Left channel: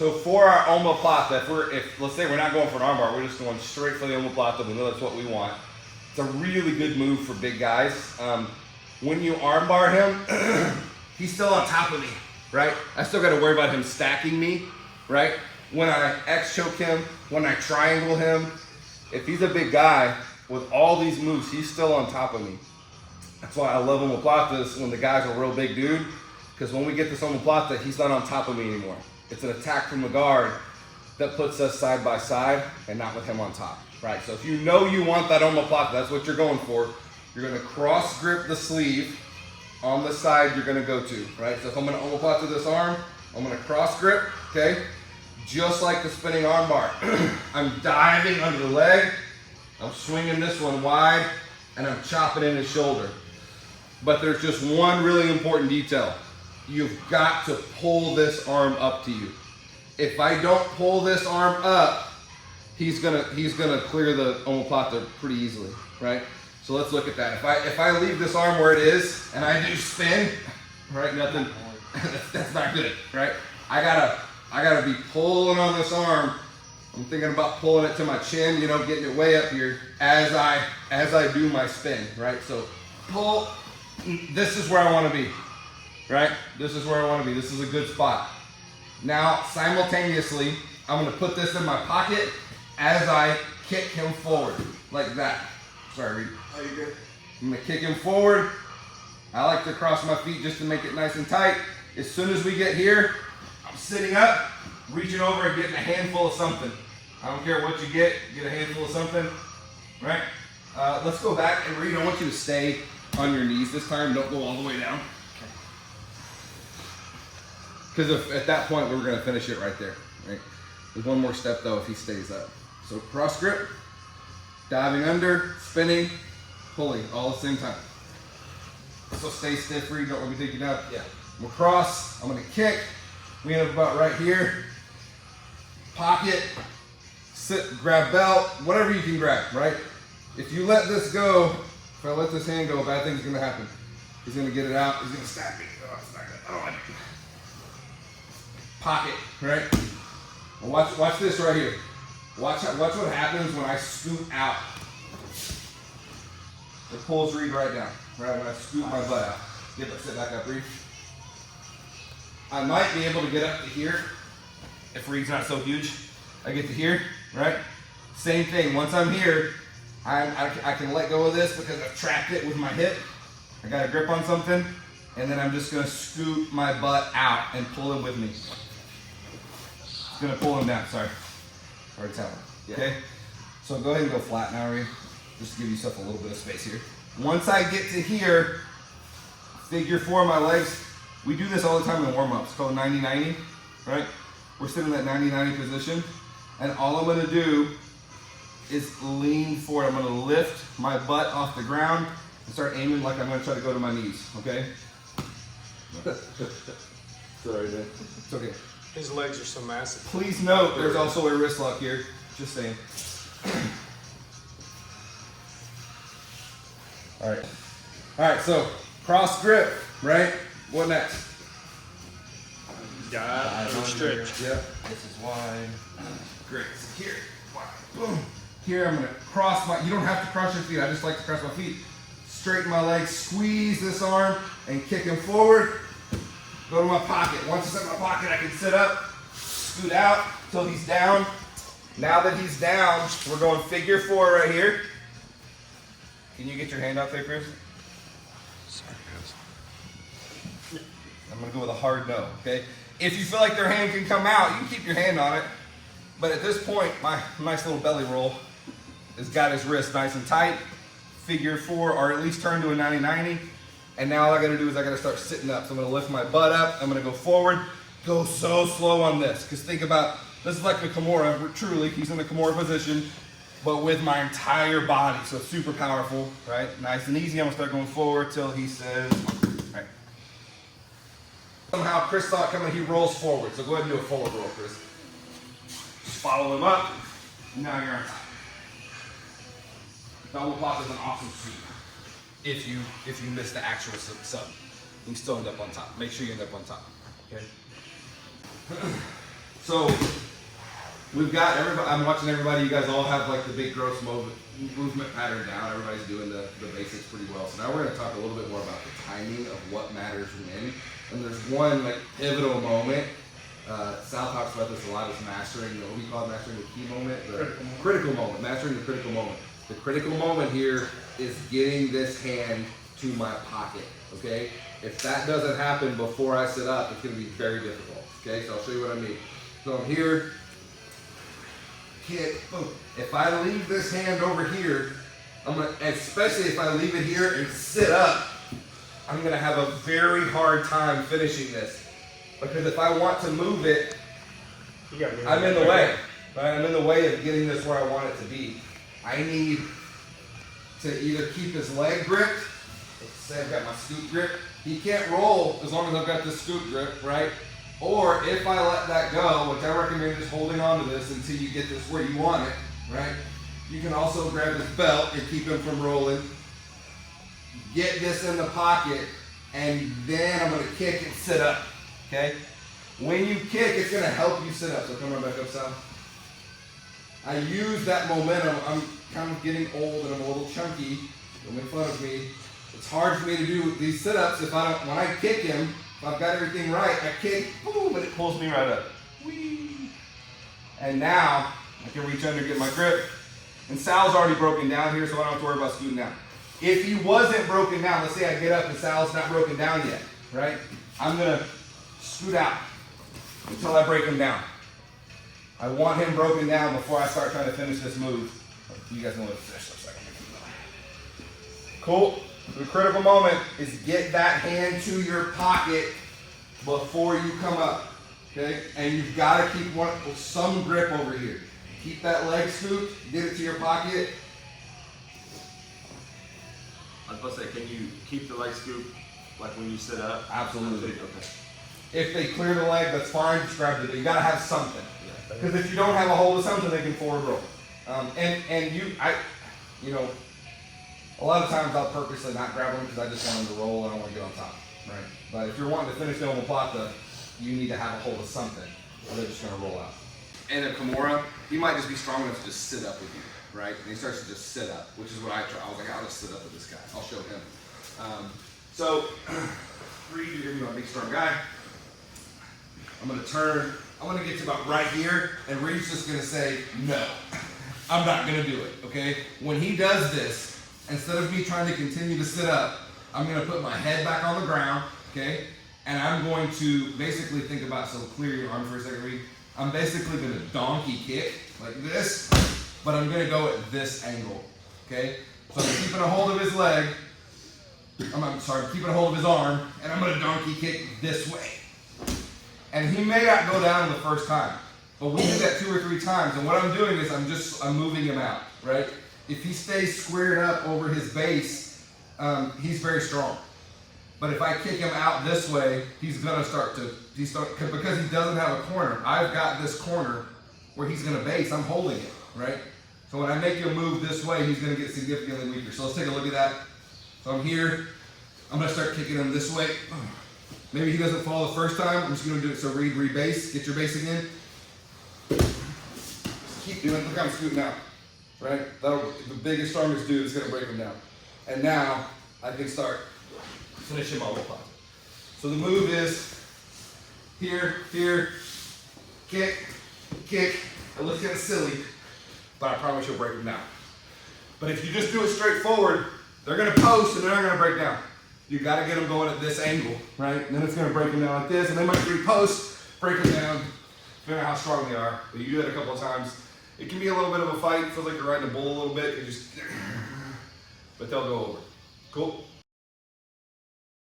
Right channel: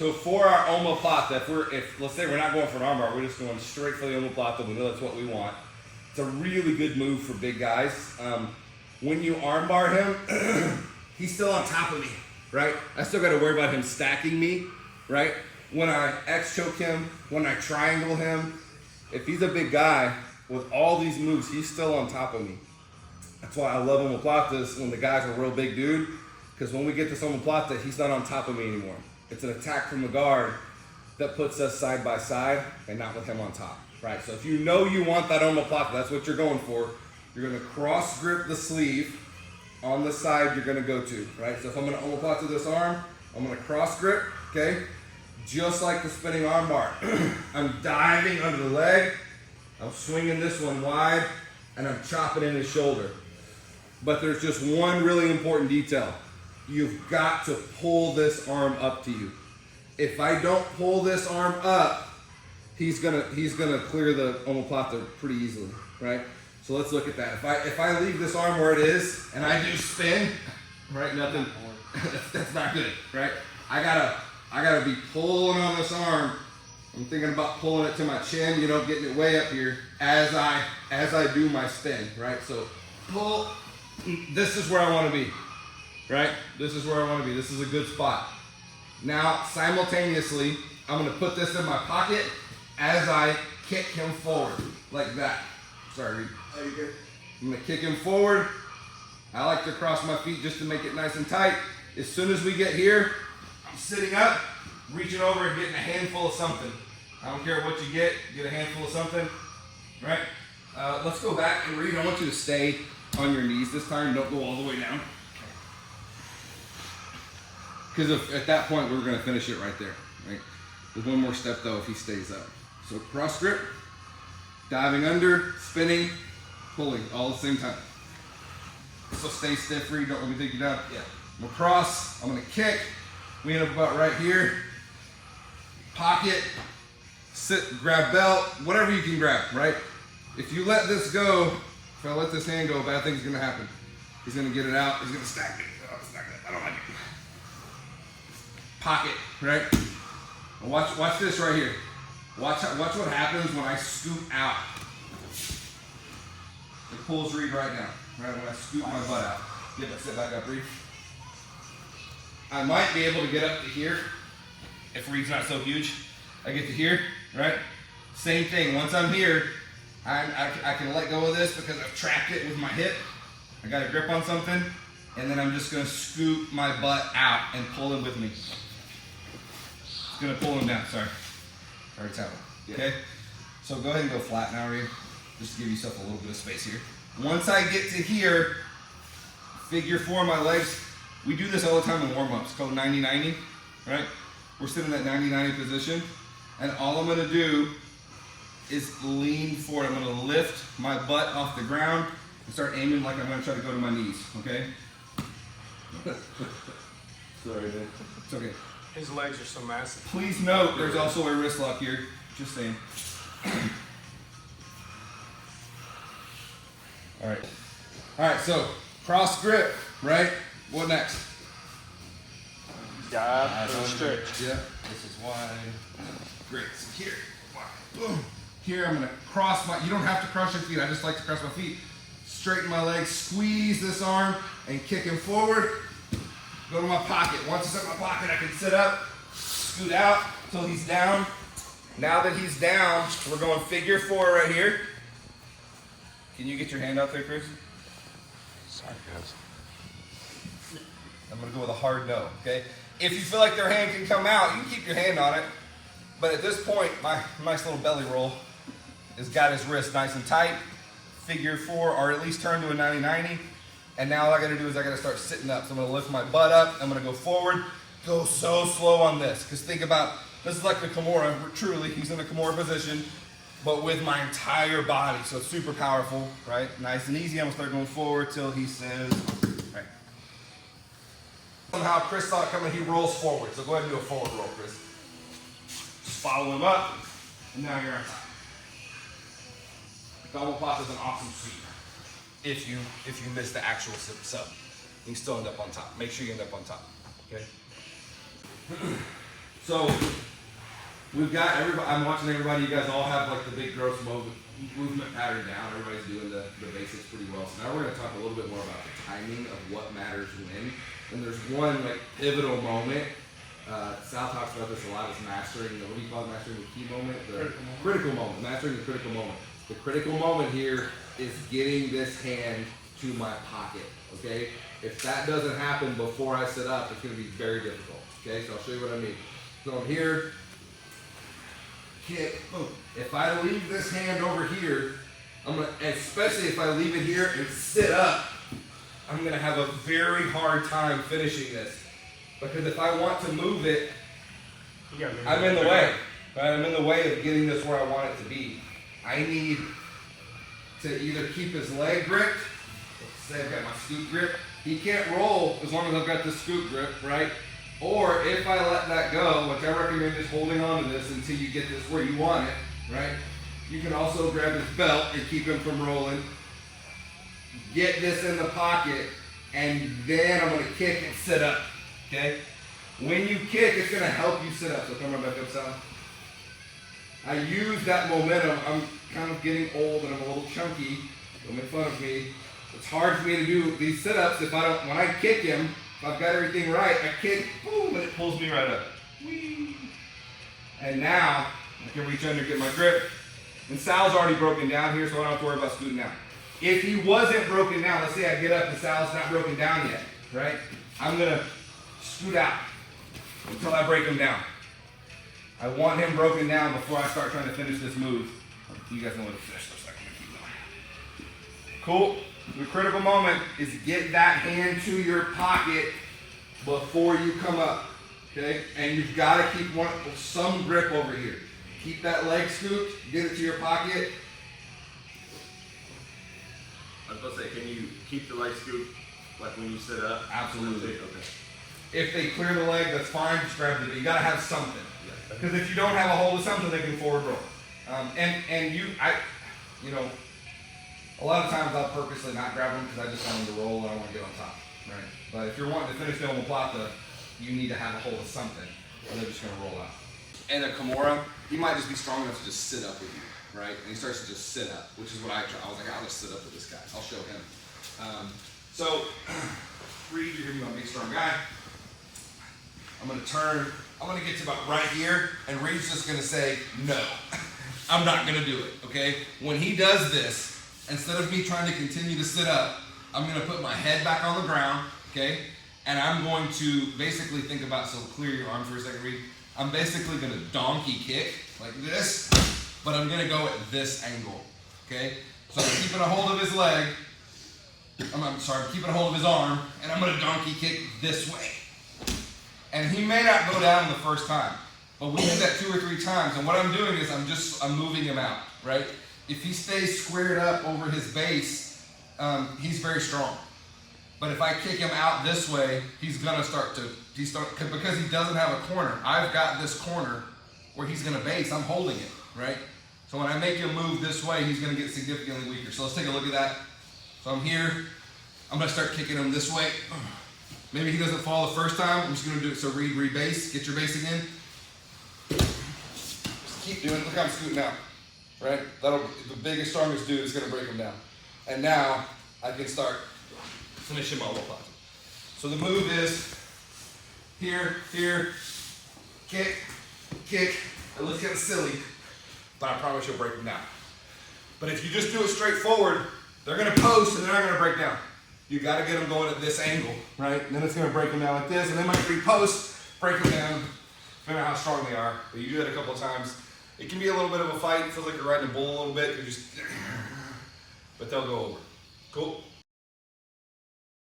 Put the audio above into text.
So for our omoplata, if let's say we're not going for an armbar, we're just going straight for the omoplata. We know that's what we want. It's a really good move for big guys. When you armbar him, he's still on top of me, right? I still got to worry about him stacking me, right? When I X choke him, when I triangle him, if he's a big guy with all these moves, he's still on top of me. That's why I love omoplatas when the guy's a real big dude, because when we get this omoplata, he's not on top of me anymore. It's an attack from the guard that puts us side by side and not with him on top, right? So if you know you want that omoplata, that's what you're going for. You're gonna cross grip the sleeve on the side you're gonna go to, right? So if I'm gonna omoplata this arm, I'm gonna cross grip, okay? Just like the spinning arm bar. I'm diving under the leg, I'm swinging this one wide, and I'm chopping in his shoulder. But there's just one really important detail. You've got to pull this arm up to you. If I don't pull this arm up, he's gonna clear the omoplata pretty easily, right? So let's look at that. If I leave this arm where it is and I do spin, right? Nothing. That's not good, right? I gotta be pulling on this arm. I'm thinking about pulling it to my chin, you know, getting it way up here as I do my spin, right? So pull. This is where I want to be, right? This is where I want to be. This is a good spot. Now, simultaneously, I'm going to put this in my pocket as I kick him forward, like that. Sorry, Reed. I'm going to kick him forward. I like to cross my feet just to make it nice and tight. As soon as we get here, I'm sitting up, reaching over and getting a handful of something. I don't care what you get a handful of something, right? Let's go back, and Reed, I want you to stay on your knees this time. Don't go all the way down. Because at that point, we're going to finish it right there, right? There's one more step, though, if he stays up. So cross grip, diving under, spinning, pulling, all at the same time. So stay stiff, Reed. Don't let me take you down. Yeah. I'm going to cross. I'm going to kick. We end up about right here. Pocket, sit, grab belt, whatever you can grab, right? If you let this go, if I let this hand go, bad things are going to happen. He's going to get it out. He's going to stack me. Oh, it's not good. I don't like it. Pocket, right? Well, watch this right here. Watch what happens when I scoot out. It pulls Reed right down, right? When I scoot my butt out. Sit back up, Reed. I might be able to get up to here if Reed's not so huge. I get to here, right? Same thing. Once I'm here, I can let go of this because I've trapped it with my hip. I got a grip on something, and then I'm just going to scoot my butt out and pull him with me. Gonna pull him down, sorry tell him. Okay? So go ahead and go flat now, Reed. Just to give yourself a little bit of space here. Once I get to here, figure four my legs. We do this all the time in warm-ups, called 90-90, right? We're sitting in that 90-90 position, and all I'm gonna do is lean forward. I'm gonna lift my butt off the ground and start aiming like I'm gonna try to go to my knees, okay? Sorry, man. It's okay. His legs are so massive. Please note, there's also a wrist lock here. Just saying. All right, so cross grip, right? What next? Dive under. Yep, this is wide. Great, so here, wide, boom. Here I'm gonna cross you don't have to cross your feet, I just like to cross my feet. Straighten my legs, squeeze this arm, and kick him forward. Go to my pocket. Once it's in my pocket, I can sit up, scoot out till he's down. Now that he's down, we're going figure four right here. Can you get your hand out there, Chris? Sorry, guys. I'm gonna go with a hard no, okay? If you feel like their hand can come out, you can keep your hand on it. But at this point, my nice little belly roll has got his wrist nice and tight. Figure four, or at least turn to a 90-90. And now all I gotta do is I gotta start sitting up. So I'm gonna lift my butt up, I'm gonna go forward, go so slow on this. Because think about, this is like the Kimura, truly, he's in the Kimura position, but with my entire body. So it's super powerful, right? Nice and easy, I'm gonna start going forward till he says, right. Somehow Chris saw it coming, he rolls forward. So go ahead and do a forward roll, Chris. Just follow him up, and now you're on top. Omoplata is an awesome sweep. If you miss the actual sub, you can still end up on top. Make sure you end up on top, okay? So we've got everybody, I'm watching everybody, you guys all have like the big gross movement pattern down. Everybody's doing the basics pretty well. So now we're gonna talk a little bit more about the timing of what matters when. And there's one like pivotal moment. Sal talks about this a lot, is mastering, what do you call it, mastering the key moment? The critical moment, mastering the critical moment. The critical moment here is getting this hand to my pocket, okay? If that doesn't happen before I sit up, it's gonna be very difficult, okay? So I'll show you what I mean. So I'm here, kick, boom. If I leave this hand over here, especially if I leave it here and sit up, I'm gonna have a very hard time finishing this. Because if I want to move it, I'm in the way. Right? I'm in the way of getting this where I want it to be. I need to either keep his leg gripped. Let's say I've got my scoop grip. He can't roll as long as I've got the scoop grip, right? Or if I let that go, which I recommend is holding on to this until you get this where you want it, right? You can also grab his belt and keep him from rolling. Get this in the pocket, and then I'm gonna kick and sit up. Okay? When you kick, it's going to help you sit up. So come right back up, Sal. I use that momentum. I'm kind of getting old and I'm a little chunky. Don't make fun of me. It's hard for me to do these sit-ups if I don't, when I kick him, if I've got everything right, I kick, boom, and it pulls me right up. Whee! And now, I can reach under and get my grip. And Sal's already broken down here, so I don't have to worry about scooting down. If he wasn't broken down, let's say I get up and Sal's not broken down yet, right? I'm going to scoot out until I break him down. I want him broken down before I start trying to finish this move. You guys know what this looks like. I'm gonna keep going. Cool. The critical moment is get that hand to your pocket before you come up. Okay? And you've got to keep some grip over here. Keep that leg scooped, get it to your pocket. I was supposed to say, can you keep the leg scoop like when you sit up? Absolutely. Okay. If they clear the leg, that's fine. Just grab it. You got to have something. Because if you don't have a hold of something, they can forward roll. A lot of times I'll purposely not grab them because I just want them to roll and I want to get on top, right? But if you're wanting to finish the Omoplata, you need to have a hold of something, or they're just going to roll out. And a Kimura, he might just be strong enough to just sit up with you, right? And he starts to just sit up, which is what I try. I was like, I'll just sit up with this guy. I'll show him. So, Reed, you're going to be my big strong guy. I'm going to turn. I'm going to get to about right here, and Reed's just going to say, no, I'm not going to do it, okay? When he does this, instead of me trying to continue to sit up, I'm going to put my head back on the ground, okay? And I'm going to basically think about, so clear your arm for a second, Reed. I'm basically going to donkey kick like this, but I'm going to go at this angle, okay? So I'm keeping a hold of his leg. I'm keeping a hold of his arm, and I'm going to donkey kick this way. And he may not go down the first time, but we do that 2 or 3 times. And what I'm doing is I'm moving him out, right? If he stays squared up over his base, he's very strong. But if I kick him out this way, he's gonna because he doesn't have a corner. I've got this corner where he's gonna base. I'm holding it, right? So when I make him move this way, he's gonna get significantly weaker. So let's take a look at that. So I'm here. I'm gonna start kicking him this way. Maybe he doesn't fall the first time. I'm just going to do it. So Reed, rebase. Get your base again. Just keep doing it. Look how I'm scooting out. Right? The biggest, strongest dude is going to break him down. And now I can start finishing my Omoplata. So the move is here, kick. It looks kind of silly, but I promise you'll break him down. But if you just do it straight forward, they're going to post and they're not going to break down. You got to get them going at this angle, right? And then it's going to break them down like this, and they might repost, break them down, depending on how strong they are. But you do it a couple of times. It can be a little bit of a fight. It feels like you're riding a bull a little bit, but they'll go over. Cool?